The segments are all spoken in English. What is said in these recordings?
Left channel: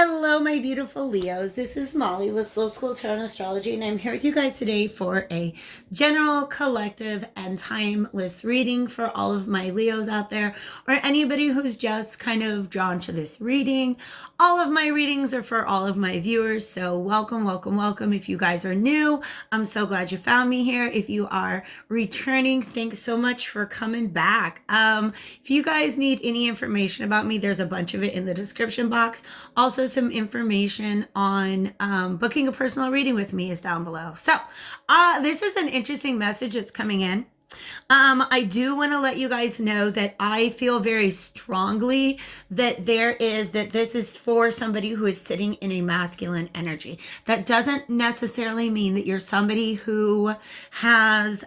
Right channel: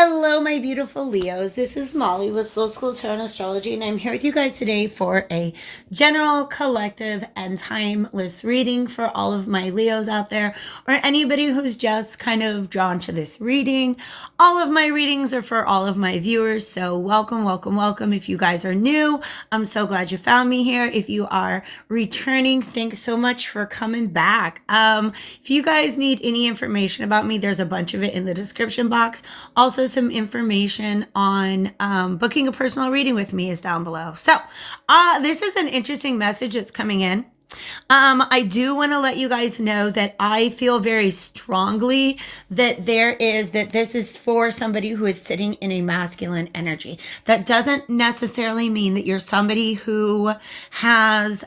Hello, my beautiful Leos. This is Molly with Soul School Tarot and Astrology, and I'm here with you guys today for a general, collective, and timeless reading for all of my Leos out there, or anybody who's just kind of drawn to this reading. All of my readings are for all of my viewers, so welcome, welcome, welcome. If you guys are new, I'm so glad you found me here. If you are returning, thanks so much for coming back. If you guys need any information about me, there's a bunch of it in the description box. Also, some information on booking a personal reading with me is down below. So this is an interesting message that's coming in. I do want to let you guys know that I feel very strongly that this is for somebody who is sitting in a masculine energy. That doesn't necessarily mean that you're somebody who has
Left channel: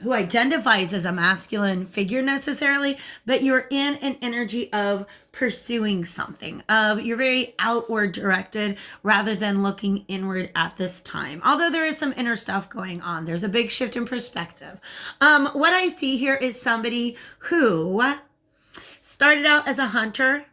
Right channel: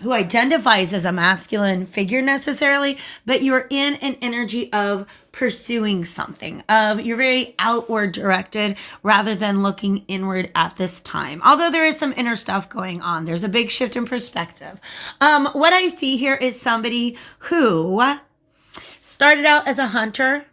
who identifies as a masculine figure necessarily, but you're in an energy of pursuing something, of you're very outward directed rather than looking inward at this time. Although there is some inner stuff going on, there's a big shift in perspective. What I see here is somebody who started out as a hunter,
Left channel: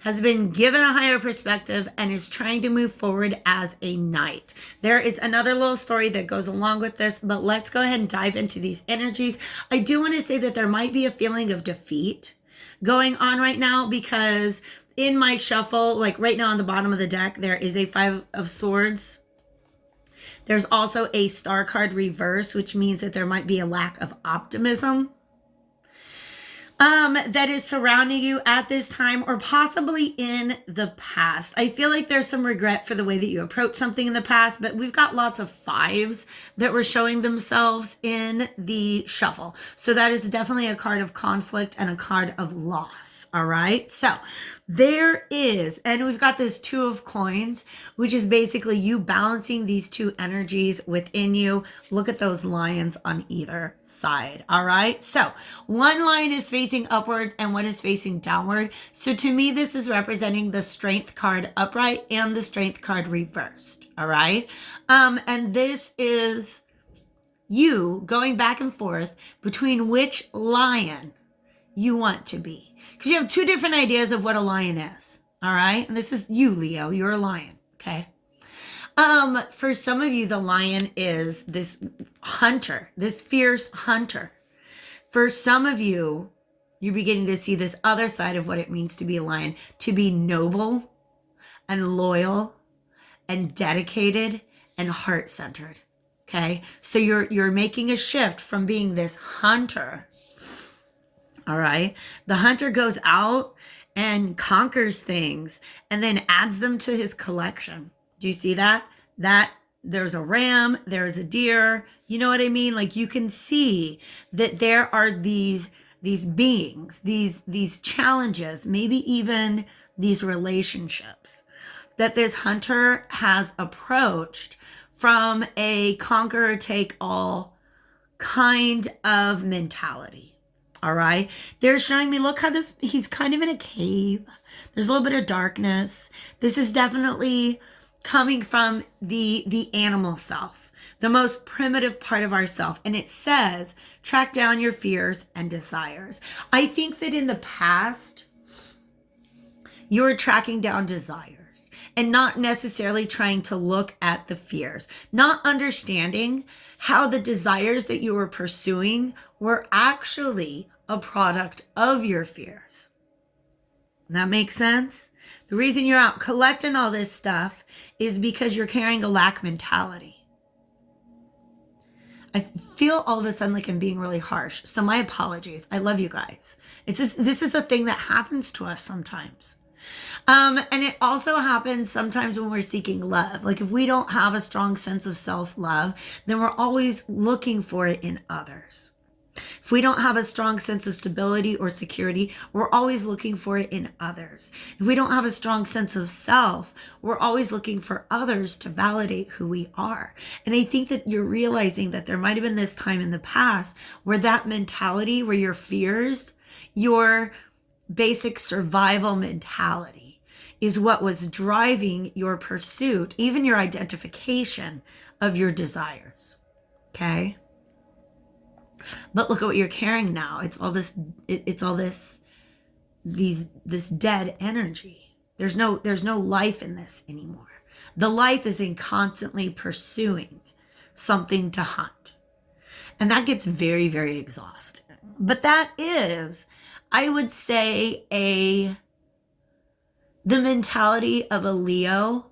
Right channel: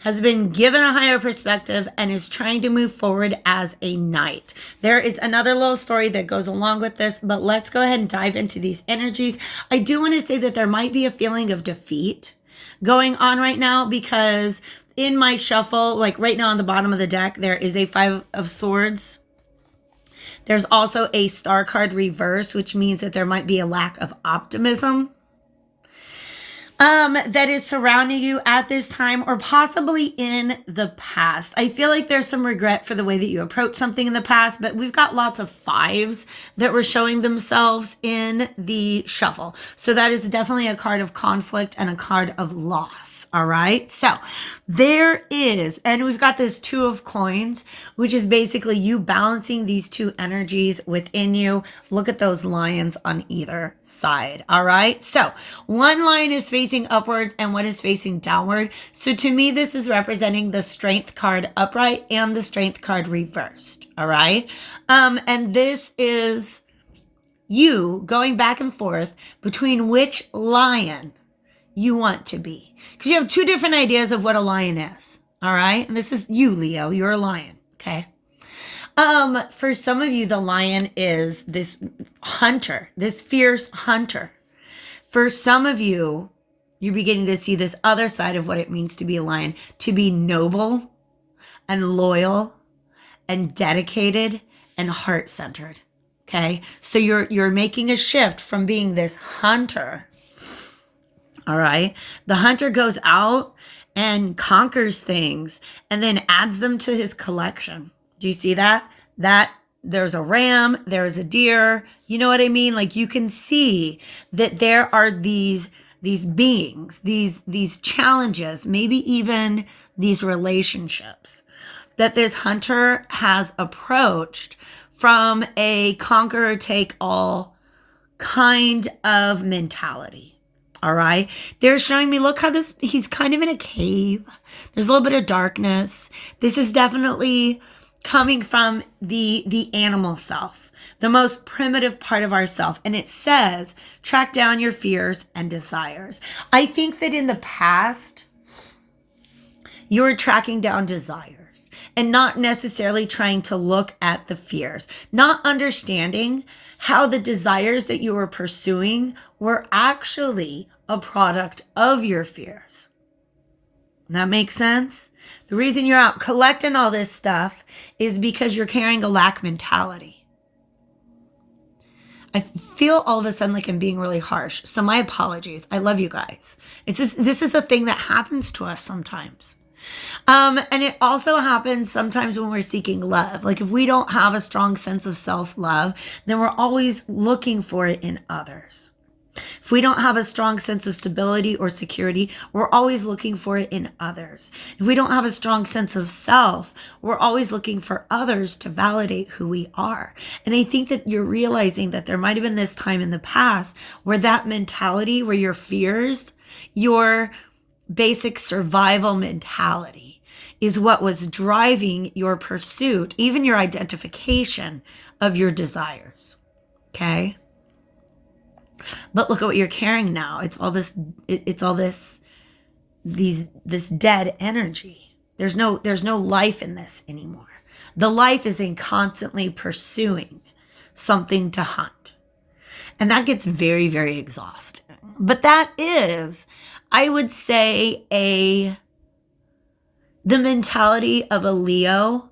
has been given a higher perspective, and is trying to move forward as a knight. There is another little story that goes along with this, but let's go ahead and dive into these energies. I do want to say that there might be a feeling of defeat going on right now, because in my shuffle, like right now on the bottom of the deck, there is a 5 of Swords. There's also a star card reverse, which means that there might be a lack of optimism that is surrounding you at this time, or possibly in the past. I feel like there's some regret for the way that you approach something in the past, but we've got lots of 5s that were showing themselves in the shuffle. So that is definitely a card of conflict and a card of loss. All right. So there is, and we've got this 2 of coins, which is basically you balancing these 2 energies within you. Look at those lions on either side. All right. So one line is facing upwards and one is facing downward. So to me, this is representing the strength card upright and the strength card reversed. All right. And this is you going back and forth between which lion you want to be, because you have 2 different ideas of what a lion is. All right. And this is you, Leo. You're a lion. Okay. For some of you, the lion is this hunter, this fierce hunter. For some of you, you're beginning to see this other side of what it means to be a lion, to be noble and loyal and dedicated and heart-centered. Okay. So you're making a shift from being this hunter. All right. The hunter goes out and conquers things and then adds them to his collection. Do you see that? There's a ram, there's a deer. You know what I mean? Like, you can see that there are these beings, these challenges, maybe even these relationships that this hunter has approached from a conqueror take all kind of mentality. All right. They're showing me, look how he's kind of in a cave. There's a little bit of darkness. This is definitely coming from the animal self, the most primitive part of ourself. And it says, track down your fears and desires. I think that in the past, you were tracking down desires and not necessarily trying to look at the fears, not understanding how the desires that you were pursuing were actually a product of your fears. That makes sense? The reason you're out collecting all this stuff is because you're carrying a lack mentality. I feel all of a sudden like I'm being really harsh, so my apologies. I love you guys. This is a thing that happens to us sometimes. And it also happens sometimes when we're seeking love. Like, if we don't have a strong sense of self-love, then we're always looking for it in others. If we don't have a strong sense of stability or security, we're always looking for it in others. If we don't have a strong sense of self, we're always looking for others to validate who we are. And I think that you're realizing that there might have been this time in the past where that mentality, where your fears, your basic survival mentality is what was driving your pursuit, even your identification of your desires. Okay? But look at what you're carrying now. It's all this dead energy. There's no life in this anymore. The life is in constantly pursuing something to hunt. And that gets very, very exhausting. But that is, I would say, the mentality of a Leo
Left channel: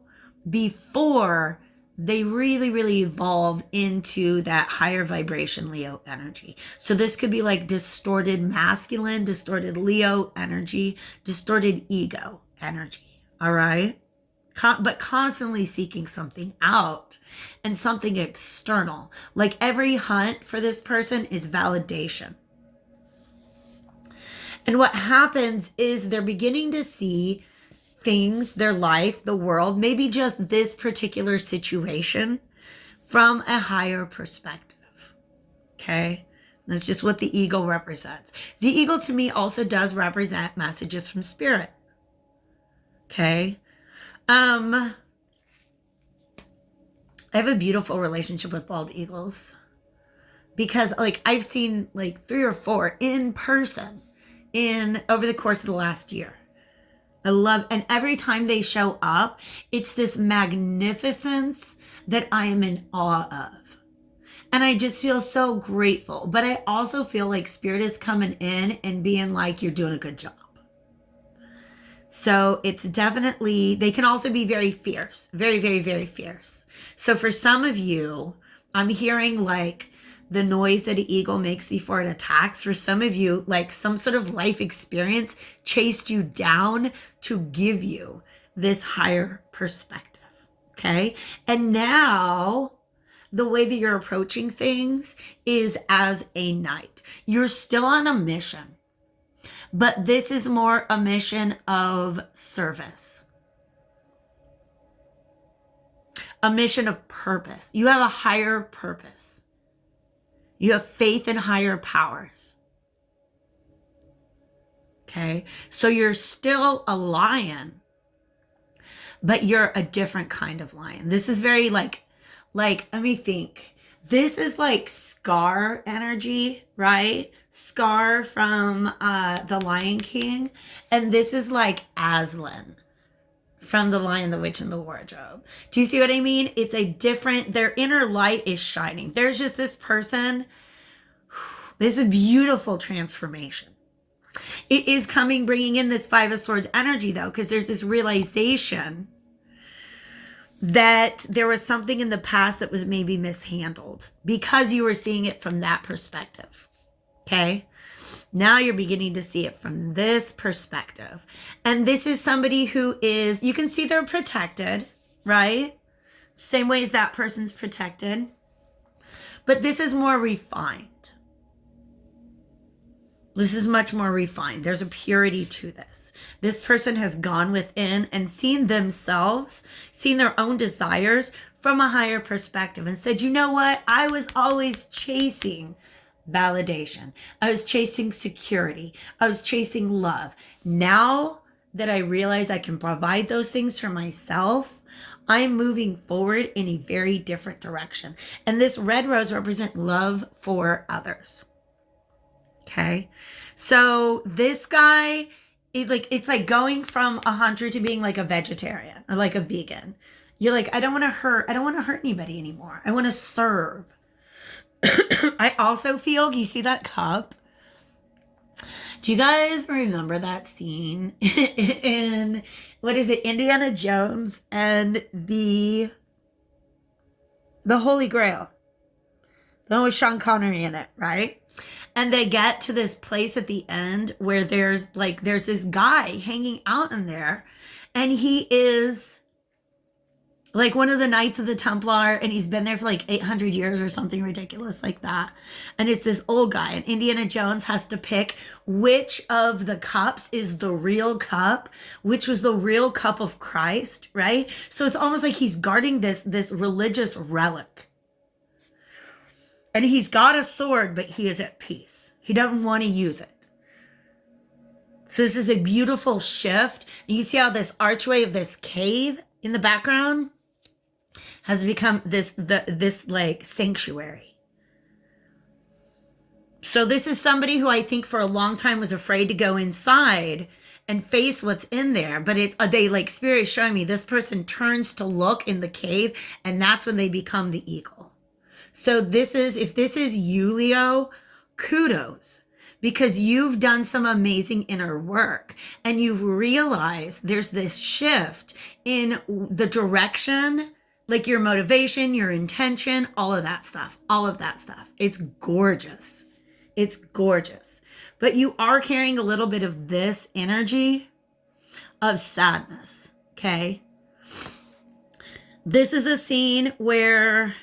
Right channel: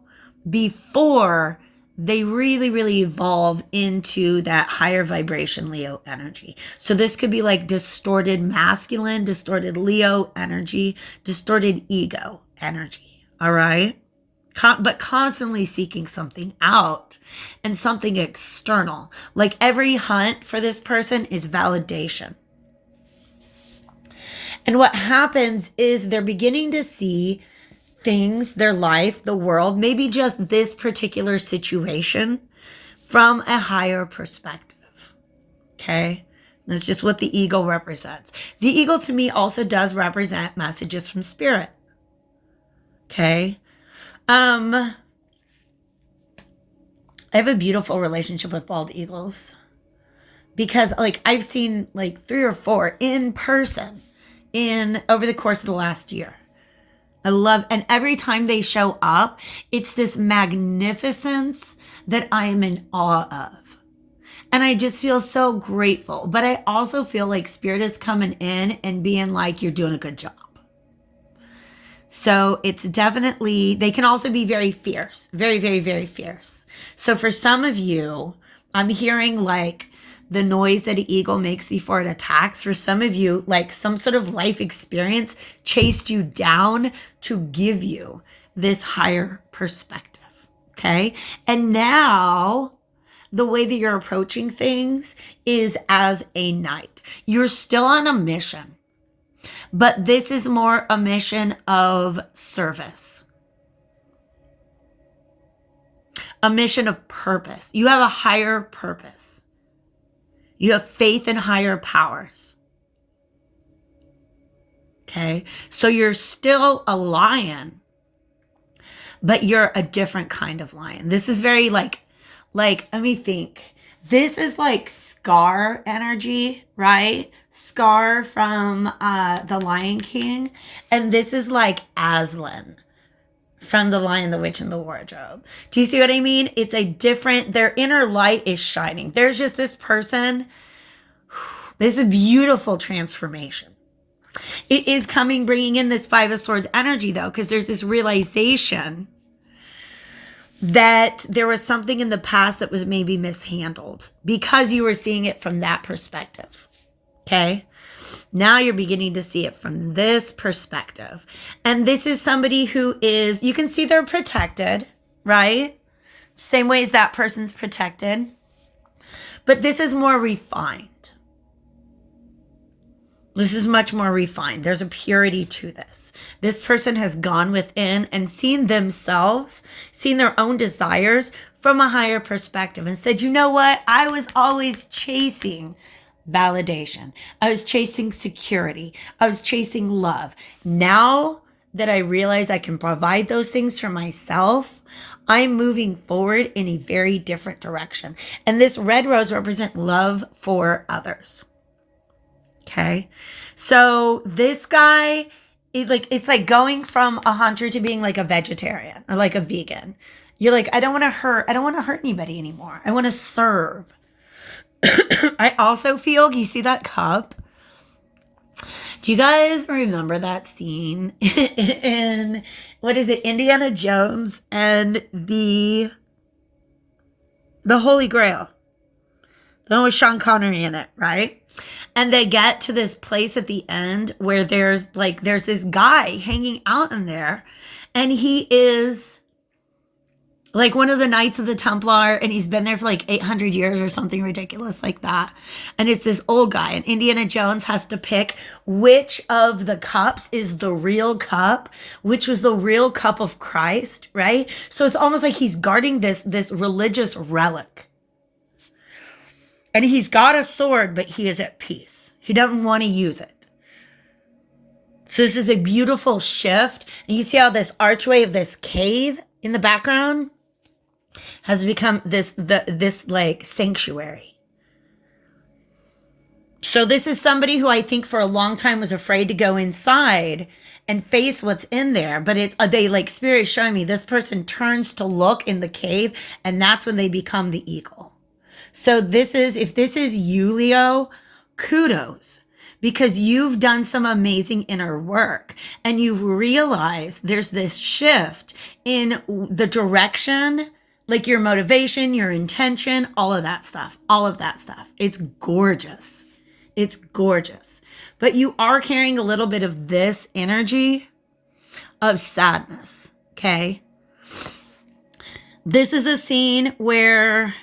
before they really, really evolve into that higher vibration Leo energy. So this could be like distorted masculine, distorted Leo energy, distorted ego energy. All right. But constantly seeking something out and something external. Like every hunt for this person is validation. And what happens is they're beginning to see things, their life, the world, maybe just this particular situation from a higher perspective. Okay? That's just what the ego represents. The ego to me also does represent messages from spirit. Okay? I have a beautiful relationship with bald eagles because like I've seen like 3 or 4 in person over the course of the last year. I love, and every time they show up, it's this magnificence that I am in awe of. And I just feel so grateful. But I also feel like spirit is coming in and being like, you're doing a good job. So it's definitely, they can also be very fierce, very, very, very fierce. So for some of you, I'm hearing like the noise that an eagle makes before it attacks. For some of you, like some sort of life experience chased you down to give you this higher perspective. Okay. And now the way that you're approaching things is as a knight. You're still on a mission. But this is more a mission of service, a mission of purpose. You have a higher purpose. You have faith in higher powers. Okay, so you're still a lion, but you're a different kind of lion. This is very like, let me think. This is like Scar energy, right? Scar from The Lion King. And this is like Aslan from The Lion, the Witch, and the Wardrobe. Do you see what I mean? It's a different, their inner light is shining. There's just this person. This is a beautiful transformation. It is coming, bringing in this 5 of Swords energy though, because there's this realization that there was something in the past that was maybe mishandled because you were seeing it from that perspective. Okay. Now you're beginning to see it from this perspective. And this is somebody who is, you can see they're protected, right? Same way as that person's protected. But this is more refined. This is much more refined. There's a purity to this. This person has gone within and seen themselves, seen their own desires from a higher perspective and said, you know what? I was always chasing validation. I was chasing security. I was chasing love. Now that I realize I can provide those things for myself, I'm moving forward in a very different direction. And this red rose represents love for others. Okay. So this guy, it's like going from a hunter to being like a vegetarian or like a vegan. You're like, I don't want to hurt anybody anymore. I want to serve. I also feel, you see that cup? Do you guys remember that scene in, what is it, Indiana Jones and the Holy Grail? The one with Sean Connery in it, right? And they get to this place at the end where there's this guy hanging out in there, and he is like one of the Knights of the Templar, and he's been there for like 800 years or something ridiculous like that. And it's this old guy, and Indiana Jones has to pick which of the cups is the real cup, which was the real cup of Christ, right? So it's almost like he's guarding this religious relic. And he's got a sword, but he is at peace. He doesn't want to use it. So this is a beautiful shift. And you see how this archway of this cave in the background has become this like sanctuary. So this is somebody who I think for a long time was afraid to go inside and face what's in there. But it's they like spirit is showing me this person turns to look in the cave, and that's when they become the eagle. So this is, if this is you, Leo, kudos, because you've done some amazing inner work and you've realized there's this shift in the direction, like your motivation, your intention, all of that stuff, all of that stuff. It's gorgeous. It's gorgeous. But you are carrying a little bit of this energy of sadness, okay? This is a scene where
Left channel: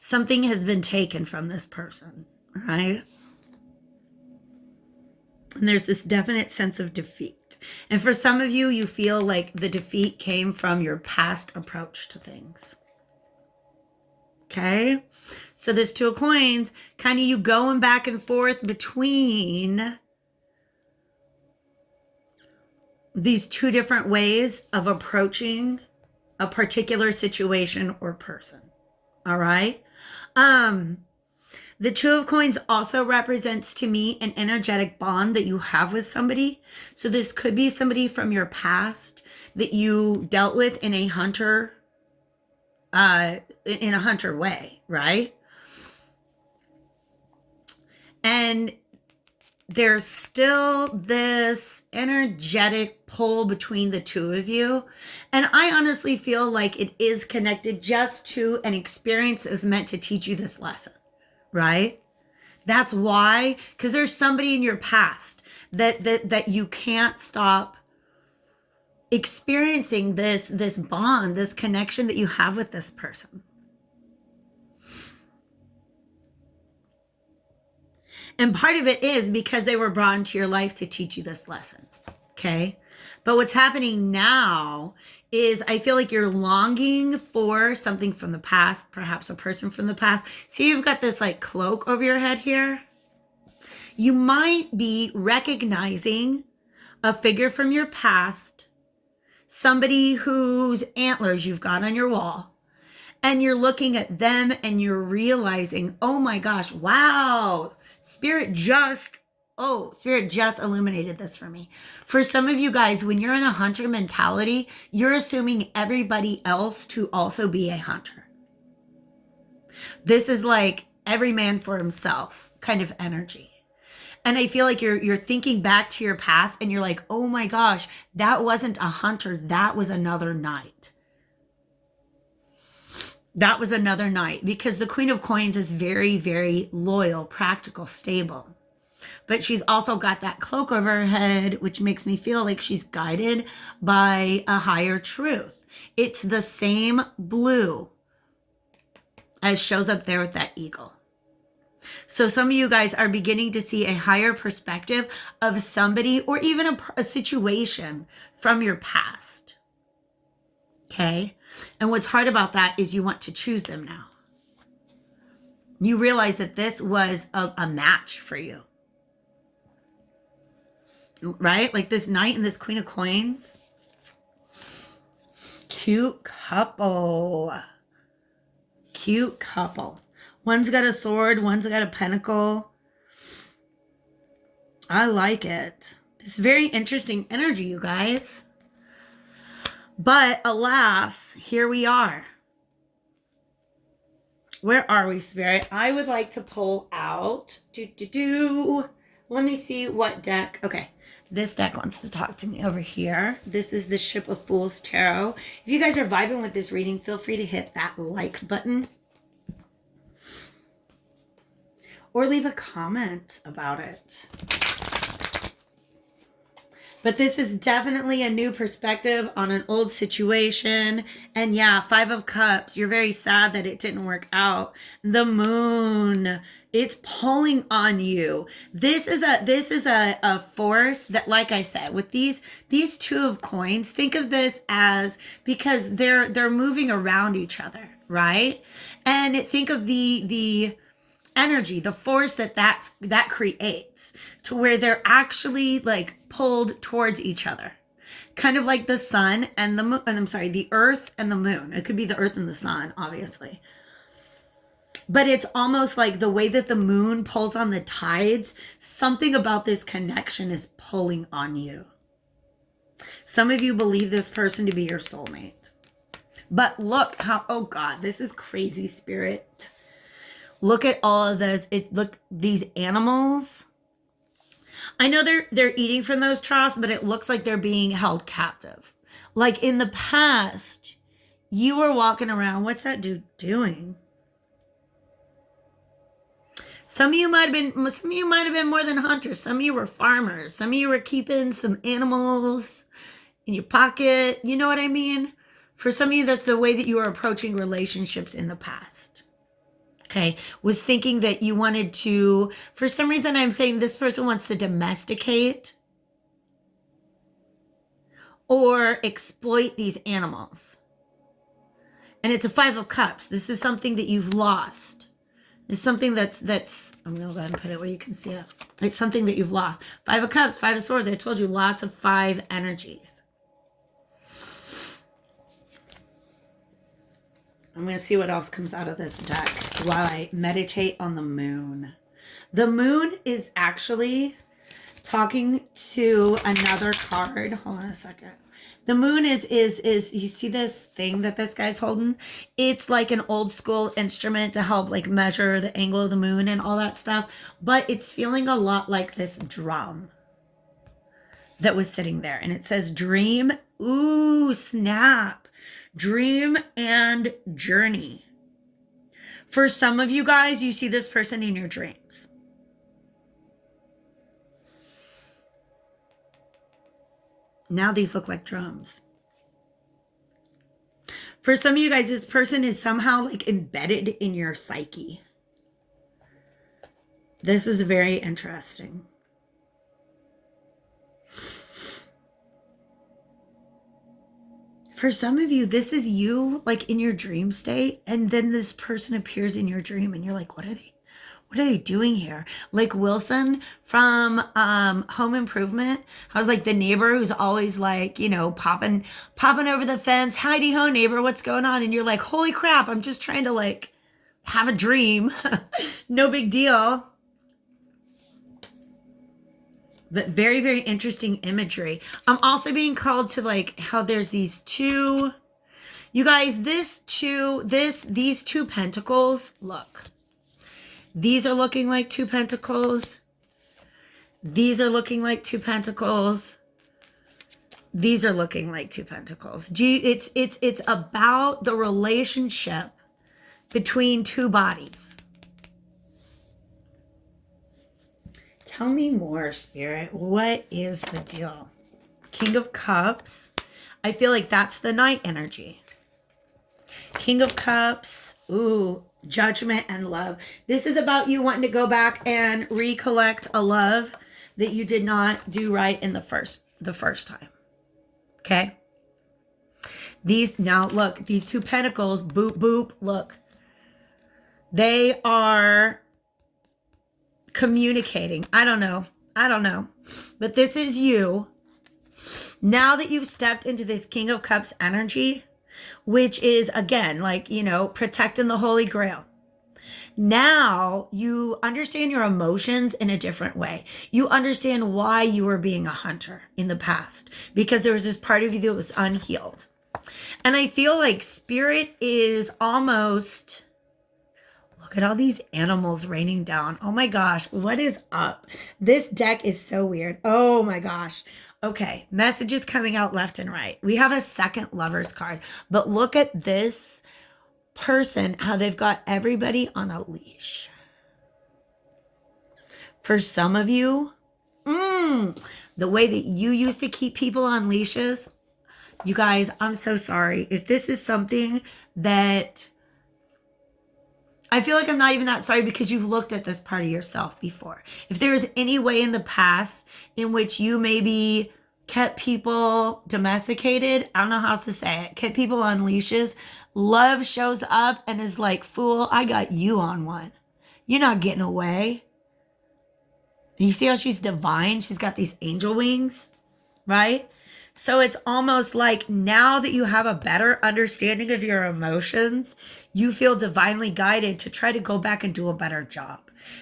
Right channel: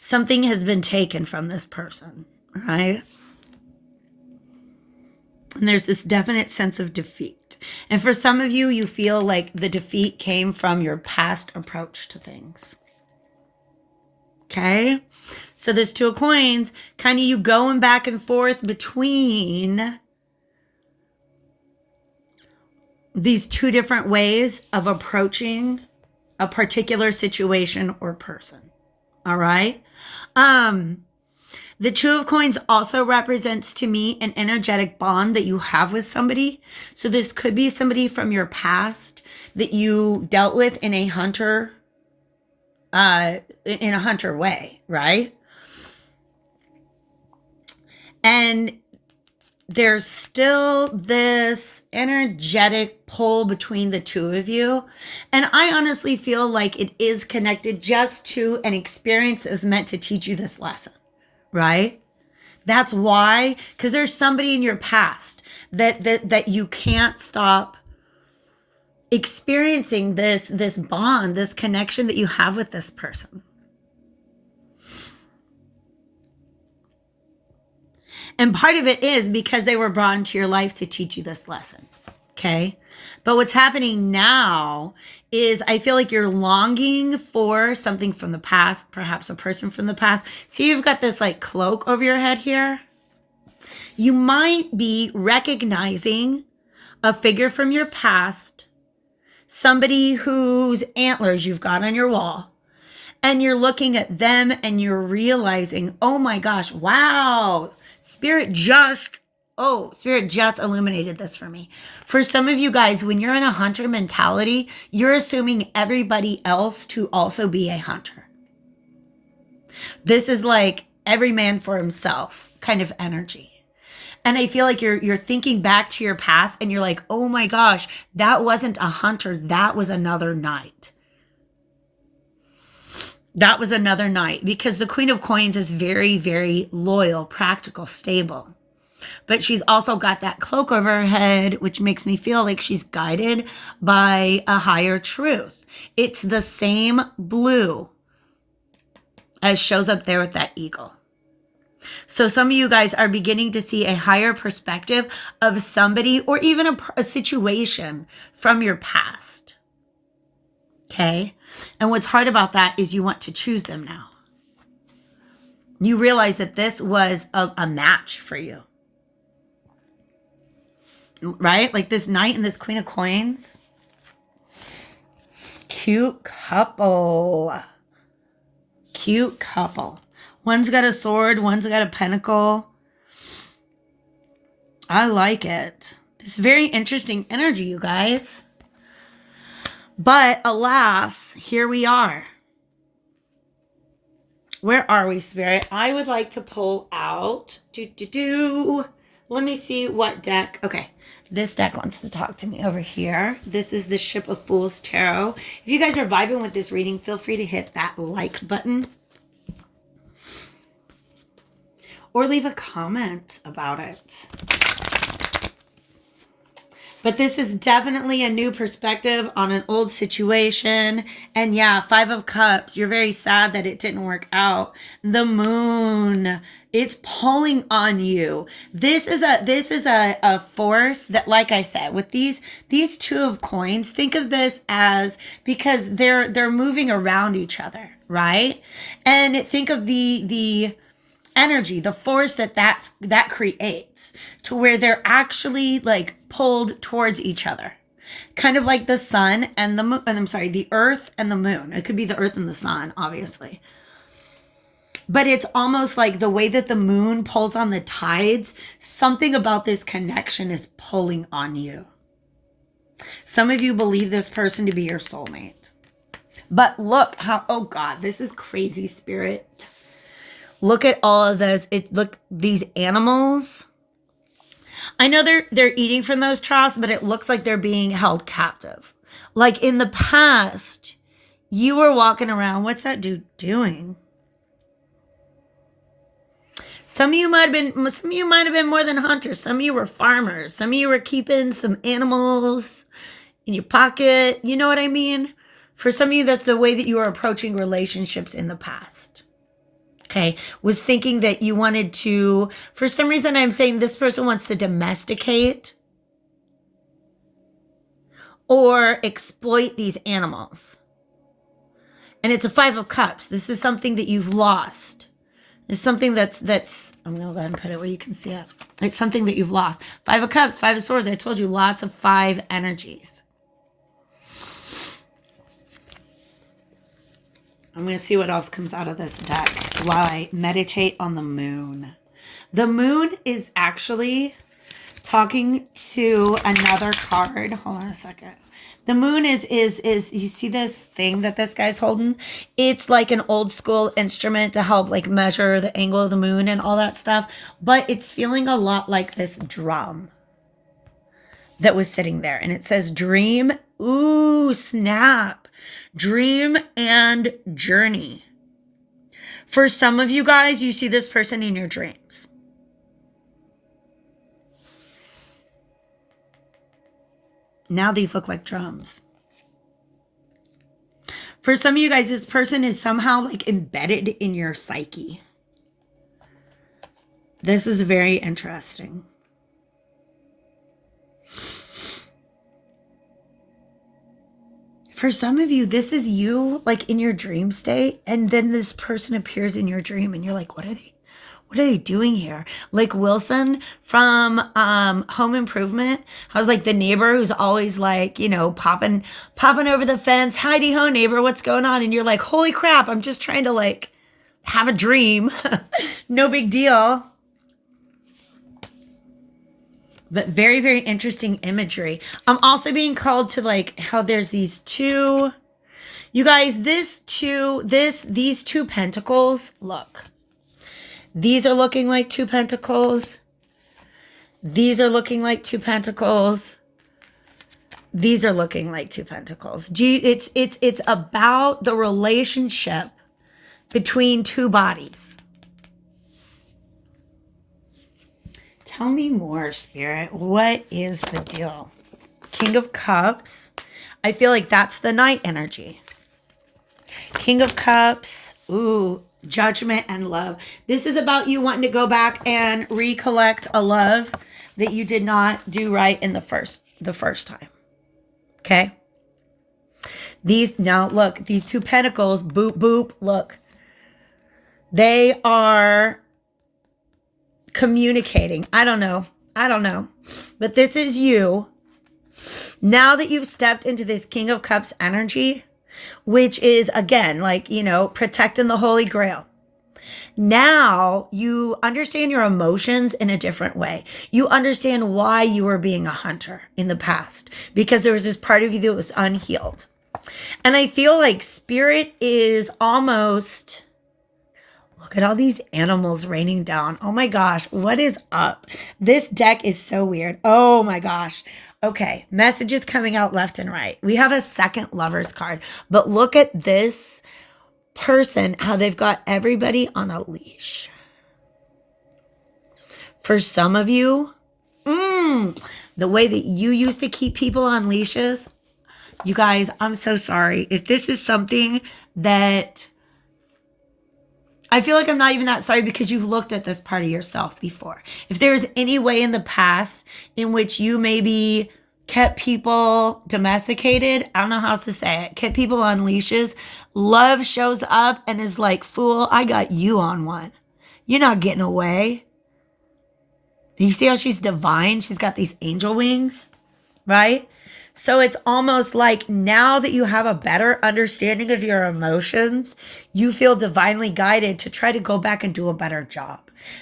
something has been taken from this person, right? And there's this definite sense of defeat. And for some of you, you feel like the defeat came from your past approach to things. Okay? So this Two of Coins, kind of you going back and forth between these two different ways of approaching a particular situation or person. All right? The Two of Coins also represents to me an energetic bond that you have with somebody. So this could be somebody from your past that you dealt with in a hunter way, right? And there's still this energetic pull between the two of you. And I honestly feel like it is connected just to an experience that was meant to teach you this lesson, right? That's why, because there's somebody in your past that you can't stop experiencing this bond, this connection that you have with this person. And part of it is because they were brought into your life to teach you this lesson, okay? But what's happening now is I feel like you're longing for something from the past, perhaps a person from the past. So you've got this like cloak over your head here. You might be recognizing a figure from your past, somebody whose antlers you've got on your wall, and you're looking at them and you're realizing, oh my gosh, wow, Spirit just illuminated this for me. For some of you guys, when you're in a hunter mentality, you're assuming everybody else to also be a hunter. This is like every man for himself kind of energy. And I feel like you're thinking back to your past and you're like, oh my gosh, that wasn't a hunter. That was another knight. That was another knight, because the Queen of Coins is very, very loyal, practical, stable. But she's also got that cloak over her head, which makes me feel like she's guided by a higher truth. It's the same blue as shows up there with that eagle. So some of you guys are beginning to see a higher perspective of somebody or even a situation from your past. Okay? And what's hard about that is you want to choose them now. You realize that this was a match for you. Right? Like this Knight and this Queen of Coins. Cute couple. Cute couple. One's got a sword, one's got a pentacle. I like it. It's very interesting energy, you guys. But alas, here we are. Where are we, Spirit? I would like to pull out. Let me see what deck. Okay, this deck wants to talk to me over here. This is the Ship of Fools Tarot. If you guys are vibing with this reading, feel free to hit that like button. Or leave a comment about it. But this is definitely a new perspective on an old situation. And yeah, Five of Cups. You're very sad that it didn't work out. The Moon. It's pulling on you. This is a force that, like I said, with these Two of Coins, think of this as, because they're moving around each other, right? And think of the energy, the force that creates, to where they're actually like pulled towards each other, kind of like the sun and the earth and the moon. It could be the earth and the sun, obviously, but it's almost like the way that the moon pulls on the tides. Something about this connection is pulling on you. Some of you believe this person to be your soulmate. But look how, oh God, this is crazy, Spirit. Look at all of those. Look, these animals. I know they're eating from those troughs, but it looks like they're being held captive. Like in the past, you were walking around. What's that dude doing? Some of you might have been more than hunters. Some of you were farmers. Some of you were keeping some animals in your pocket. You know what I mean? For some of you, that's the way that you were approaching relationships in the past. Okay, was thinking that you wanted to, for some reason, I'm saying this person wants to domesticate or exploit these animals. And it's a 5 of Cups. This is something that you've lost. It's something that's I'm going to go ahead and put it where you can see it. It's something that you've lost. 5 of Cups, 5 of Swords. I told you lots of 5 energies. I'm going to see what else comes out of this deck while I meditate on the moon. The moon is actually talking to another card. Hold on a second. The moon is you see this thing that this guy's holding? It's like an old school instrument to help like measure the angle of the moon and all that stuff. But it's feeling a lot like this drum that was sitting there. And it says dream. Ooh, snap. Dream and journey. For some of you guys, you see this person in your dreams. Now these look like drums. For some of you guys, this person is somehow like embedded in your psyche. This is very interesting. For some of you, this is you like in your dream state, and then this person appears in your dream and you're like, what are they doing here? Like Wilson from Home Improvement. I was like the neighbor who's always like, you know, popping over the fence. Heidi ho, neighbor, what's going on? And you're like, holy crap, I'm just trying to like have a dream. No big deal. But very, very interesting imagery. I'm also being called to like how there's these two, you guys, these two pentacles, look. These are looking like 2 pentacles. These are looking like 2 pentacles. These are looking like 2 pentacles. It's about the relationship between 2 bodies. Tell me more, Spirit. What is the deal? King of Cups. I feel like that's the night energy. King of Cups. Ooh, judgment and love. This is about you wanting to go back and recollect a love that you did not do right in the first time. Okay? Now look, these 2 pentacles, boop, boop, look. They are communicating. I don't know. But this is you. Now that you've stepped into this King of Cups energy, which is again, like, you know, protecting the Holy Grail. Now you understand your emotions in a different way. You understand why you were being a hunter in the past, because there was this part of you that was unhealed. And I feel like Spirit is almost, look at all these animals raining down. Oh my gosh, what is up? This deck is so weird. Oh my gosh. Okay, messages coming out left and right. We have a second Lovers card, but look at this person, how they've got everybody on a leash. For some of you, the way that you used to keep people on leashes, you guys, I'm so sorry. If this is something that, I feel like I'm not even that sorry, because you've looked at this part of yourself before. If there is any way in the past in which you maybe kept people domesticated, I don't know how else to say it, kept people on leashes, love shows up and is like, fool, I got you on one. You're not getting away. You see how she's divine? She's got these angel wings, right? So it's almost like now that you have a better understanding of your emotions, you feel divinely guided to try to go back and do a better job.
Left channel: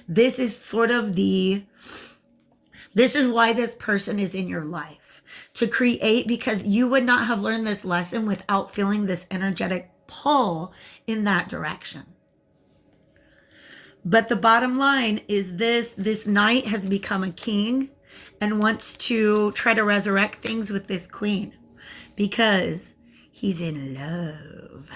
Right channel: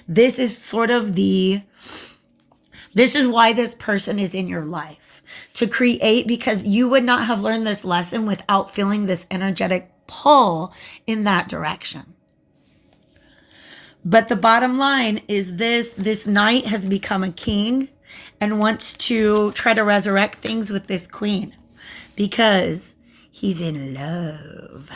This is sort of this is why this person is in your life. to create, because you would not have learned this lesson without feeling this energetic pull in that direction. But the bottom line is this knight has become a king and wants to try to resurrect things with this queen because he's in love.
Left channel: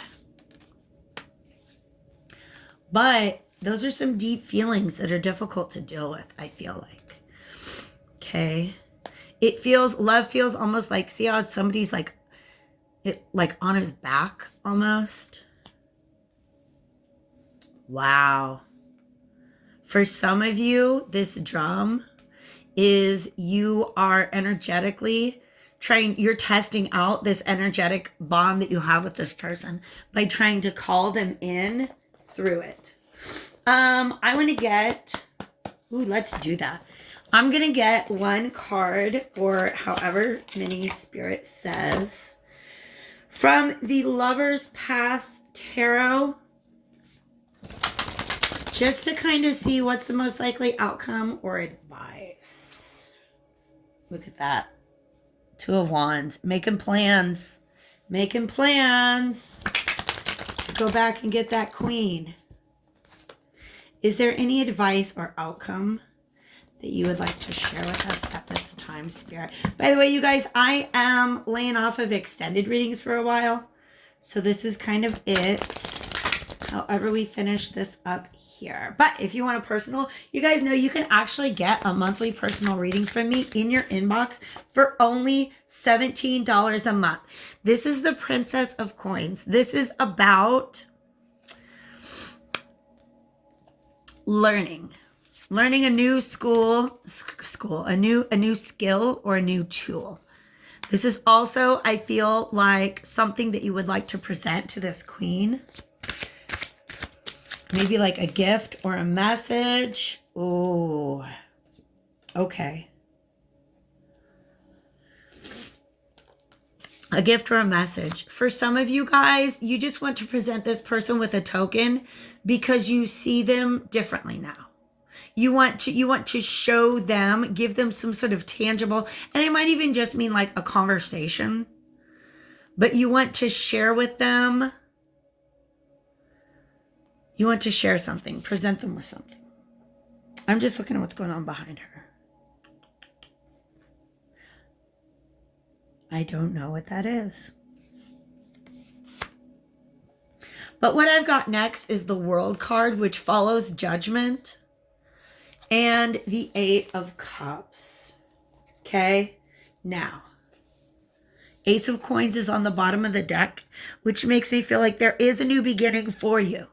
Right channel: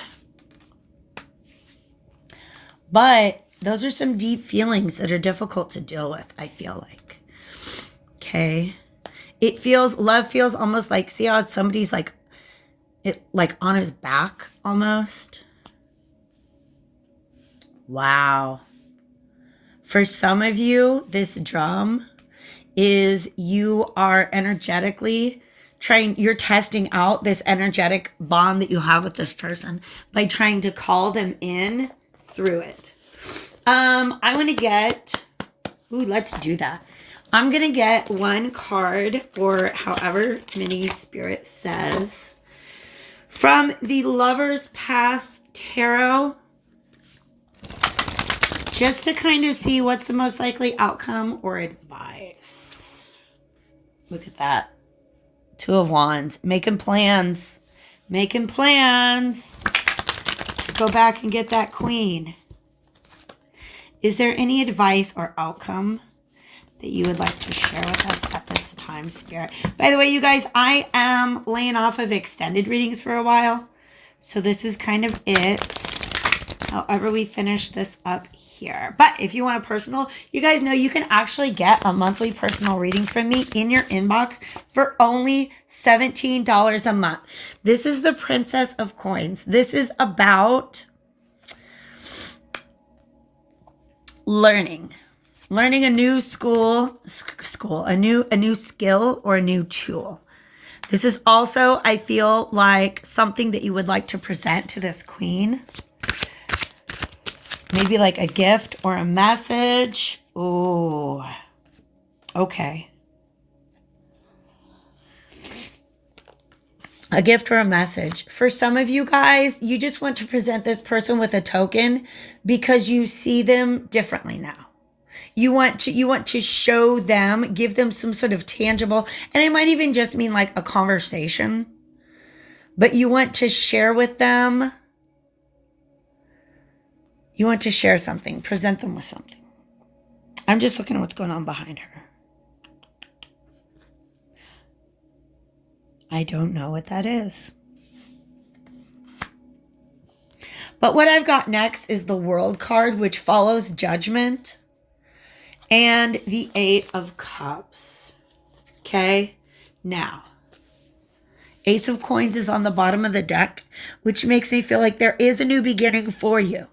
But those are some deep feelings that are difficult to deal with, I feel like. Okay. Love feels almost like, see how somebody's like on his back almost? Wow. For some of you, this drum is you are energetically you're testing out this energetic bond that you have with this person by trying to call them in through it. I want to get, let's do that. I'm going to get one card, or however many Spirit says, from the Lover's Path Tarot, just to kind of see what's the most likely outcome or advice. Look at that. 2 of Wands. Making plans. Making plans to go back and get that queen. Is there any advice or outcome that you would like to share with us at this time, Spirit? By the way, you guys, I am laying off of extended readings for a while. So this is kind of it. However, we finish this up here. But if you want a personal, you guys know you can actually get a monthly personal reading from me in your inbox for only $17 a month. This is the Princess of Coins. This is about learning a new a new skill or a new tool. This is also, I feel like, something that you would like to present to this queen. Maybe like a gift or a message. Ooh, okay. A gift or a message. For some of you guys, you just want to present this person with a token because you see them differently now. You want to show them, give them some sort of tangible, and it might even just mean like a conversation, but you want to share with them. You want to share something, present them with something. I'm just looking at what's going on behind her. I don't know what that is. But what I've got next is the World card, which follows Judgment, and the 8 of Cups. Okay? Now, Ace of Coins is on the bottom of the deck, which makes me feel like there is a new beginning for you.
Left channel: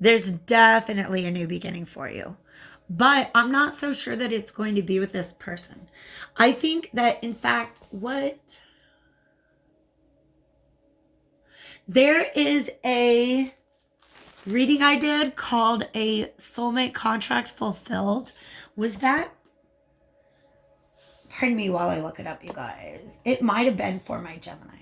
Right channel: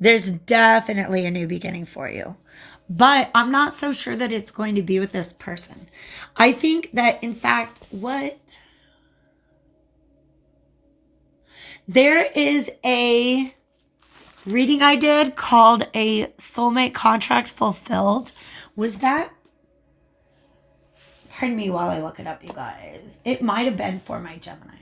There's definitely a new beginning for you. But I'm not so sure that it's going to be with this person. I think that, in fact, there is a reading I did called A Soulmate Contract Fulfilled. Was that? Pardon me while I look it up, you guys. It might have been for my Geminis.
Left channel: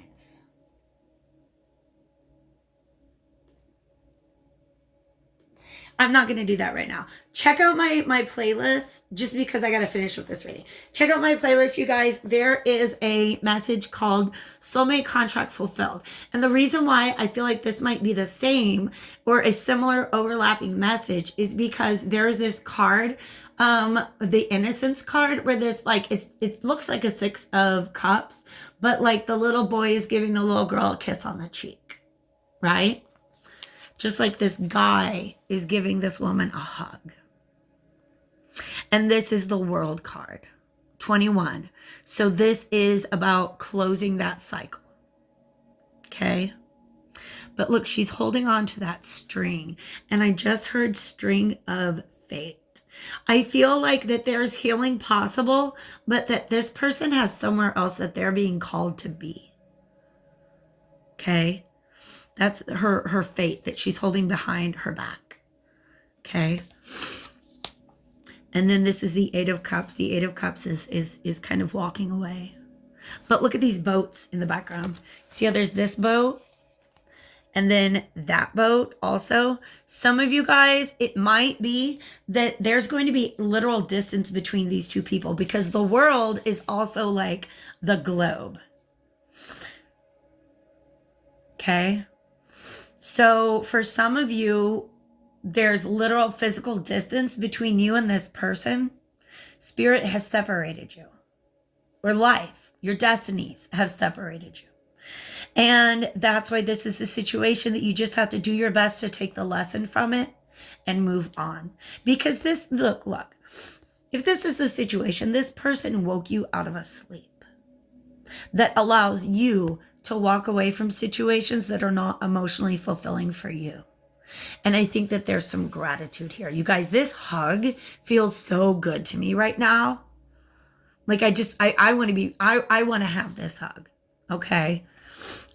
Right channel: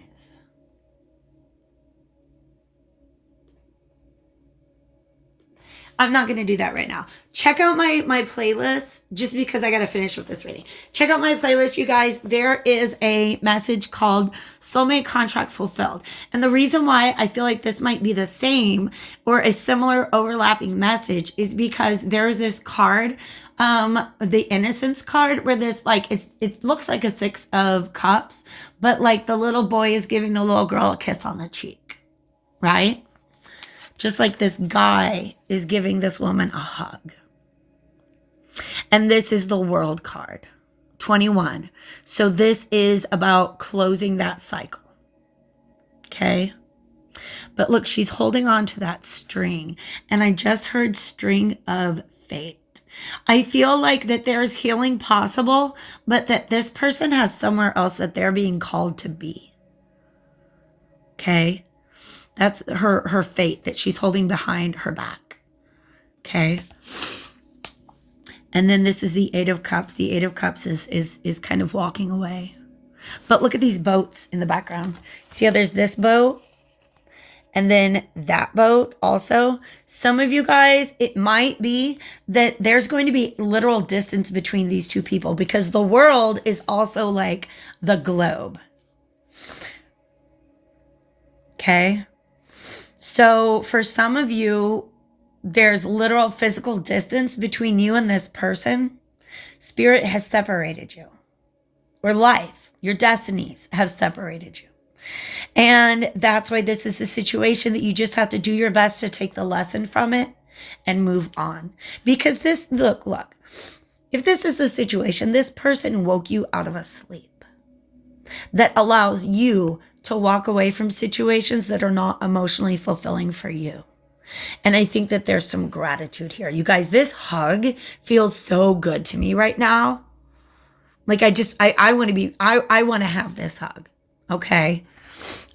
I'm not going to do that right now. Check out my playlist, just because I got to finish with this reading. Check out my playlist, you guys. There is a message called Soulmate Contract Fulfilled. And the reason why I feel like this might be the same or a similar overlapping message is because there's this card, the Innocence card, where this, like, it looks like a 6 of Cups, but like the little boy is giving the little girl a kiss on the cheek, right? Just like this guy is giving this woman a hug. And this is the World card, 21. So this is about closing that cycle. Okay? But look, she's holding on to that string. And I just heard string of fate. I feel like that there's healing possible, but that this person has somewhere else that they're being called to be. Okay? That's her fate that she's holding behind her back. Okay. And then this is the 8 of Cups. The 8 of Cups is kind of walking away. But look at these boats in the background. See how there's this boat? And then that boat also, some of you guys, it might be that there's going to be literal distance between these two people because the world is also like the globe. Okay. So for some of you, there's literal physical distance between you and this person. Spirit has separated you, or life, your destinies have separated you. And that's why this is a situation that you just have to do your best to take the lesson from it and move on. Because this, look, if this is the situation, this person woke you out of a sleep that allows you to walk away from situations that are not emotionally fulfilling for you. And I think that there's some gratitude here. You guys, this hug feels so good to me right now. Like I want to have this hug. Okay.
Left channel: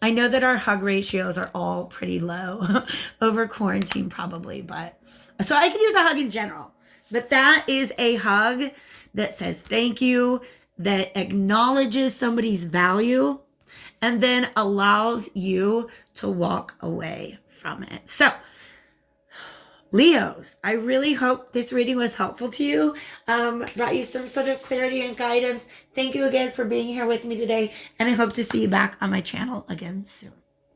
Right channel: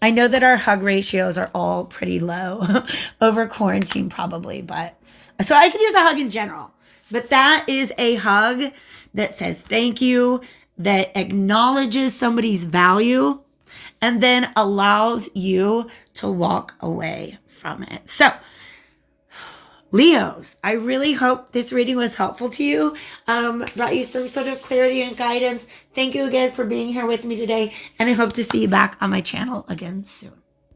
I know that our hug ratios are all pretty low over quarantine probably, but so I could use a hug in general, but that is a hug that says thank you, that acknowledges somebody's value, and then allows you to walk away from it. So Leos, I really hope this reading was helpful to you, brought you some sort of clarity and guidance. Thank you again for being here with me today, and I hope to see you back on my channel again soon.